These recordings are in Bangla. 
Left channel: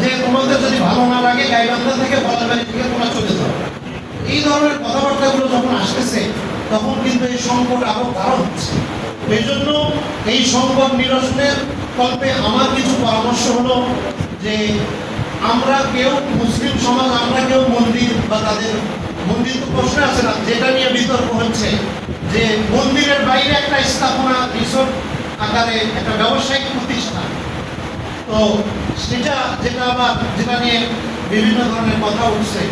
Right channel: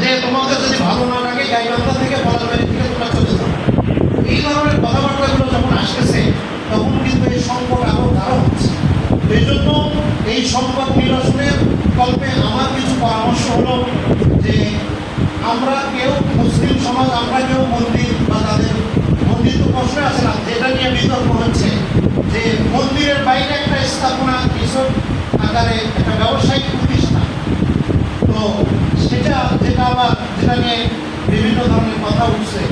যে তোমাদের যদি ভালো না লাগে গাইবান্ধা থেকে বলাবাড়ি থেকে তোমরা চলে যাও। এই ধরনের কথাবার্তাগুলো যখন আসতেছে তখন কিন্তু এই সংকট আরো গাঢ় হচ্ছে। এই জন্য এই সংকট নিরসনের কল্পে আমার কিছু পরামর্শ হলো যে আমরা কেউ মুসলিম সমাজ, আমরা কেউ মন্দির বা তাদের মন্দির তো প্রশ্ন আছে না, যেটা নিয়ে বিতর্ক হচ্ছে যে মন্দিরের বাইরে একটা স্থাপনা রিসোর্ট আকারে একটা ব্যবসায়িক প্রতিষ্ঠান, তো যেটা নিয়ে বিভিন্ন ধরনের কথা উঠছে।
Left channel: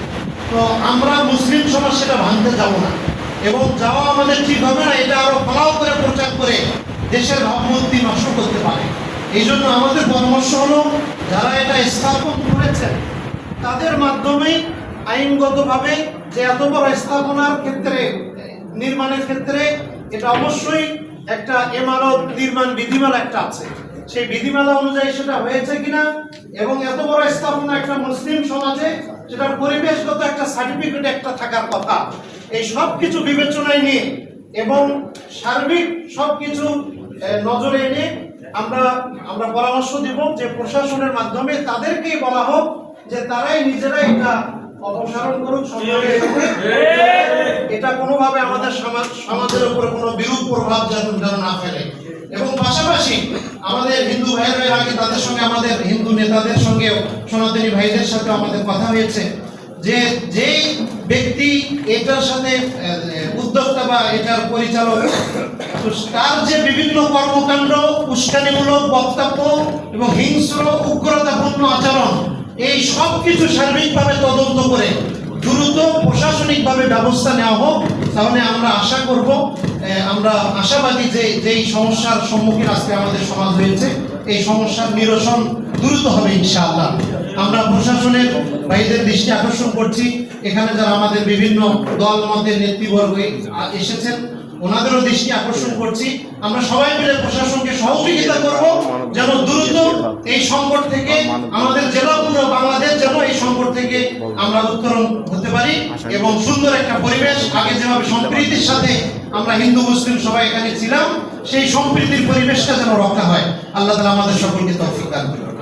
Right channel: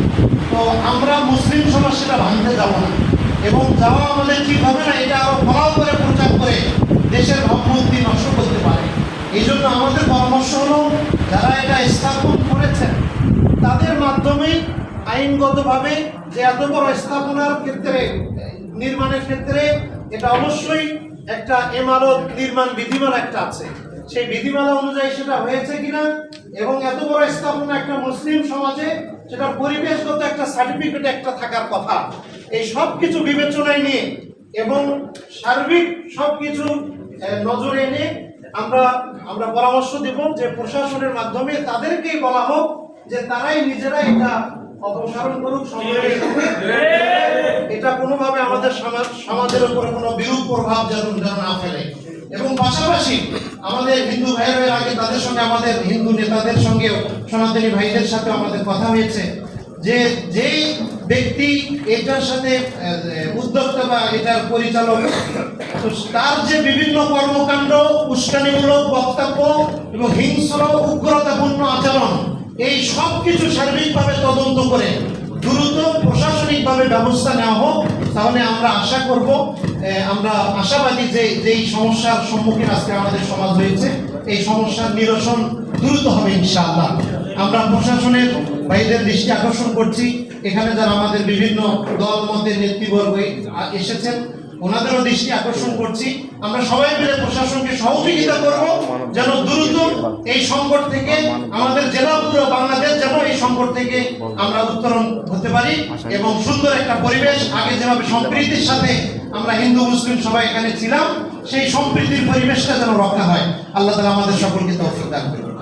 তো আমরা মুসলিম সমাজ সেটা ভাঙতে যাব না, এবং যাওয়া আমাদের ঠিক হবে না, এটা আরো ফলাও করে প্রচার করে দেশের ভাবমূর্তি নষ্ট করতে পারে। এই জন্য আমাদের পরামর্শ হলো যারা এটা স্থাপন করেছেন তাদের মাধ্যমেই আইনগতভাবে যে এত বড় স্থাপনার ক্ষেত্রে নির্মাণের ক্ষেত্রে এটা অবশ্যই একটা ইমারত নির্মাণ বিধিমালা একটা আছে, সেই বিধিমালা অনুযায়ী সেটা হয়েছে কিনা, এবং এত বড় স্থাপনা একটা মুসলিম সমাজে সেটা পরিবেশগত একটা সার্টিফিকেট একটা থাকার কথা। এই সব কিছু বিবেচনায় নিয়ে এবং সার্বিক সব কিছু নজরে এনে আমরা পরামর্শ দেব যে প্রশাসনের মাধ্যমে তাদেরকেই বলা হোক যে তারাই নিজেরাই এটা অপসারণ করুক। এটা কোনোভাবে আমাদের সমাজের উপরে কোনো বিরূপ প্রভাব যেন না ফেলে। এবং পাশাপাশি আমাদের হিন্দু ভাইয়ের আগে তাদের সঙ্গে, আমাদের হিন্দু নেতাদের সঙ্গে, সনাতনী ভাইদের সাথে আমাদের কথা হয়েছে যে যেই ব্যক্তি এটার সাথে উদ্যোক্তা বা এটার পরিচালক, তো তার যে বিভিন্ন কর্মকাণ্ড, উস্কানিমূলক বক্তব্য এবং হিংস্র উগ্রতাপূর্ণ আচরণ, এই সব কিছু সার্বিকভাবে তদন্ত করে দ্রুত প্রশাসনিকভাবে ব্যবস্থা নেওয়া হোক। তাহলে আমরা আশা করব, আমরা আশাবাদী যে যেই সমস্যার সম্মুখীন আজকে আমাদের সমাজ হয়েছে, এই সমস্যার নিরসন দ্রুত হবে ইনশাআল্লাহ। আমরা প্রশাসনের ভাইদের দৃষ্টি আকর্ষণ করছি, এখানে যারা আমাদের বিভিন্ন দল মতের নেতৃবর্গ এসেছেন ওনাদেরও দৃষ্টি আকর্ষণ করছি, আমরা সবাই মিলে প্রশাসনকে সহযোগিতা করব যেন দ্রুত এই সংকট থেকে আমাদের জেলা পুরো বাংলাদেশ যেন এই সংকট থেকে আমরা উত্তরণ হতে পারি এবং সুন্দর একটা পরিবেশ, আগে যেভাবে সম্প্রীতির সাথে আমরা হিন্দু মুসলিম সবাই এখানে ছিলাম, সেই সম্প্রীতির পরিবেশটা যেন রক্ষা হয়। আল্লাহ তাআলা আমাদের সকলকে তৌফিক দান করুন।